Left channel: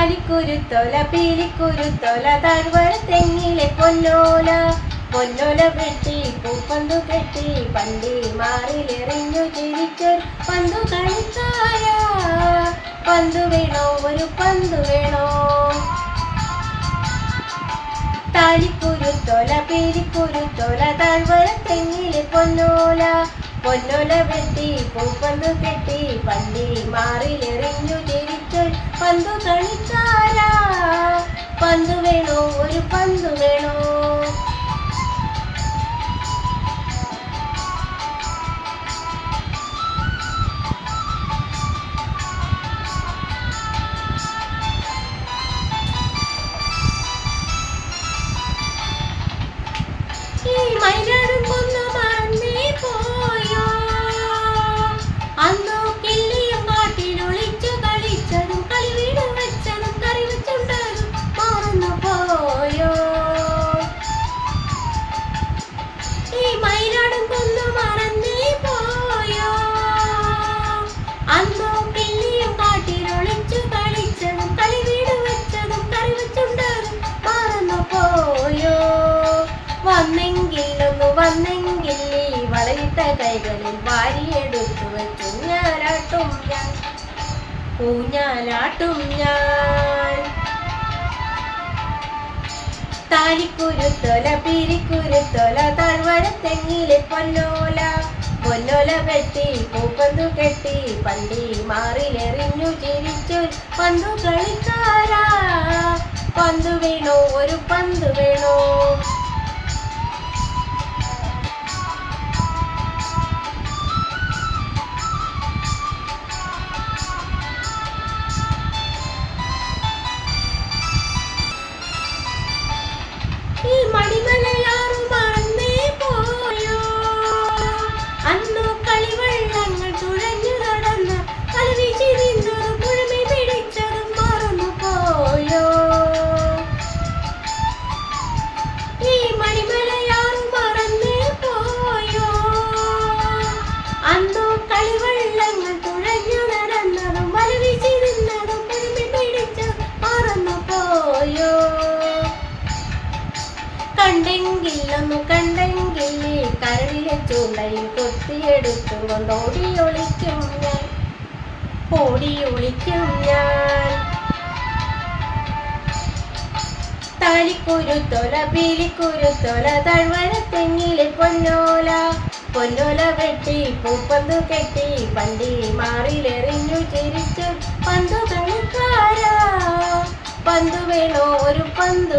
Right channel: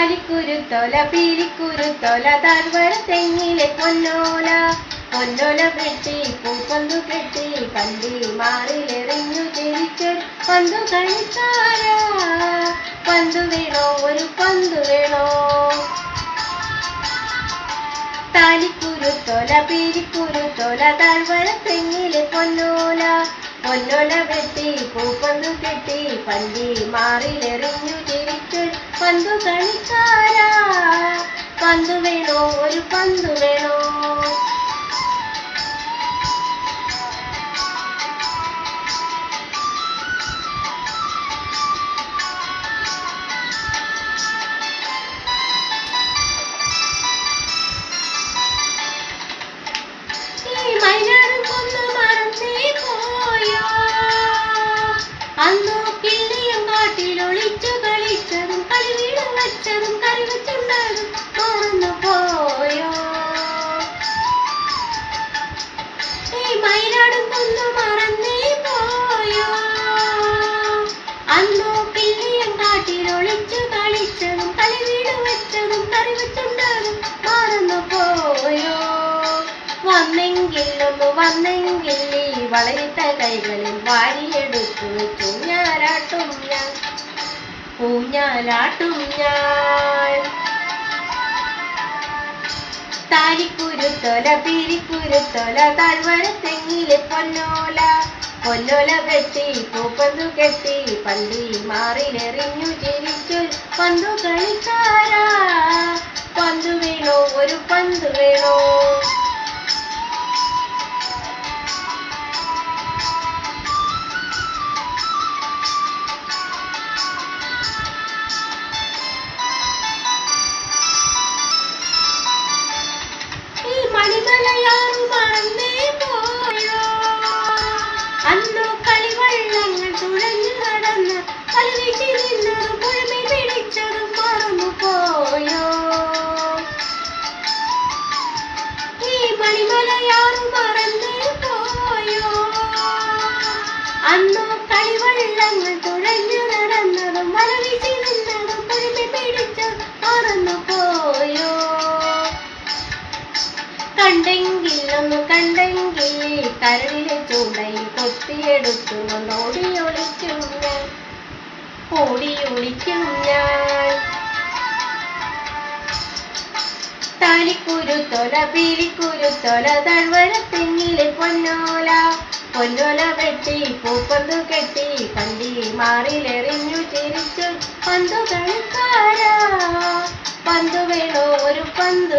താലിക്കുരുത്തോല പീലിക്കുരുത്തോല താഴ്വര തെങ്ങിലെ പൊന്നോല പൊന്നോല വെട്ടി പൂപ്പന്തു കെട്ടി പണ്ടി മാറിലെറിഞ്ഞു ചിരിച്ചൊരു പന്തു കളിക്കാരാ. പന്തു വേണോ, ഒരു പന്തു വേണോ? താലിക്കുരുത്തോല പീലിക്കുരുത്തോല താഴ്വര തെങ്ങിലെ പൊന്നോല പൊന്നോല വെട്ടി പൂപ്പന്തു കെട്ടി പണ്ടി മാറിലെറിഞ്ഞു ചിരിച്ചൊരു പന്തു കളിക്കാരാ. പന്തു വേണോ, ഒരു പന്തു വേണോ? മൈനാടും കൊന്നു മറന്നേ പോയോ? അന്നോ കിള്ളിയും കാട്ടിലൊളിച്ചു കളിച്ചതും കളിവീട് വെച്ചതും കറി വെച്ചുണ്ടതും മറന്നു പോയോ? ഈ മൈനാടും കൊന്നു മറന്നേ പോയോ? അന്നോ കിള്ളിയും കാട്ടിലൊളിച്ചു കളിച്ചതും കളിവീട് വെച്ചതും കറി വെച്ചുണ്ടതും മറന്നു പോയോ? വന്നെങ്കിലൊന്നു വന്നെങ്കിൽ നീ വളയിട്ട കൈകളിൽ വാരിയെടുത്തു വെച്ചു ഊഞ്ഞാലാട്ടും ഞാൻ, ഊഞ്ഞാലാട്ടും ഞാൻ. താലിക്കുരുത്തോല പീലിക്കുരുത്തോല താഴ്വര തെങ്ങിലെ പൊന്നോല പൊന്നോല വെട്ടി പൂപ്പന്തു കെട്ടി പണ്ടി മാറിലെറിഞ്ഞു ചിരിച്ചൊരു പന്തു കളിക്കാരാ. പന്തു വേണോ, ഒരു പന്തു വേണോ? ഈ മണിമലയാറും മറന്നേ പോയോ? അന്നോ കളിവെള്ളങ്ങൾ തുഴഞ്ഞു നടന്ന് കളിവീശി നിന്നതും പുഴമി പിടിച്ചതും മറന്നു പോയോ? ഈ മണിമലയാറും മറന്നേ പോയോ? അന്നോ കളിവെള്ളങ്ങൾ തുഴഞ്ഞു നടന്നതും വലവീശി നിന്നതും പുഴമി പിടിച്ചതും മറന്നു പോയോ? കണ്ടെങ്കിലൊന്നു കണ്ടെങ്കിൽ കരളിലെ ചൂണ്ടയിൽ കൊത്തിയെടുത്തു കൊണ്ട് ഓടിയൊളിക്കും ഞാൻ, ഓടിയൊളിക്കും ഞാൻ. താലിക്കുരുത്തോല പീലിക്കുരുത്തോല താഴ്വര തെങ്ങിലെ പൊന്നോല പൊന്നോല വെട്ടി പൂപ്പന്തു കെട്ടി പണ്ടി മാറിലെറിഞ്ഞു ചിരിച്ചു പന്തു കളിക്കാരാ. പന്തു വേണോ, ഒരു പന്തു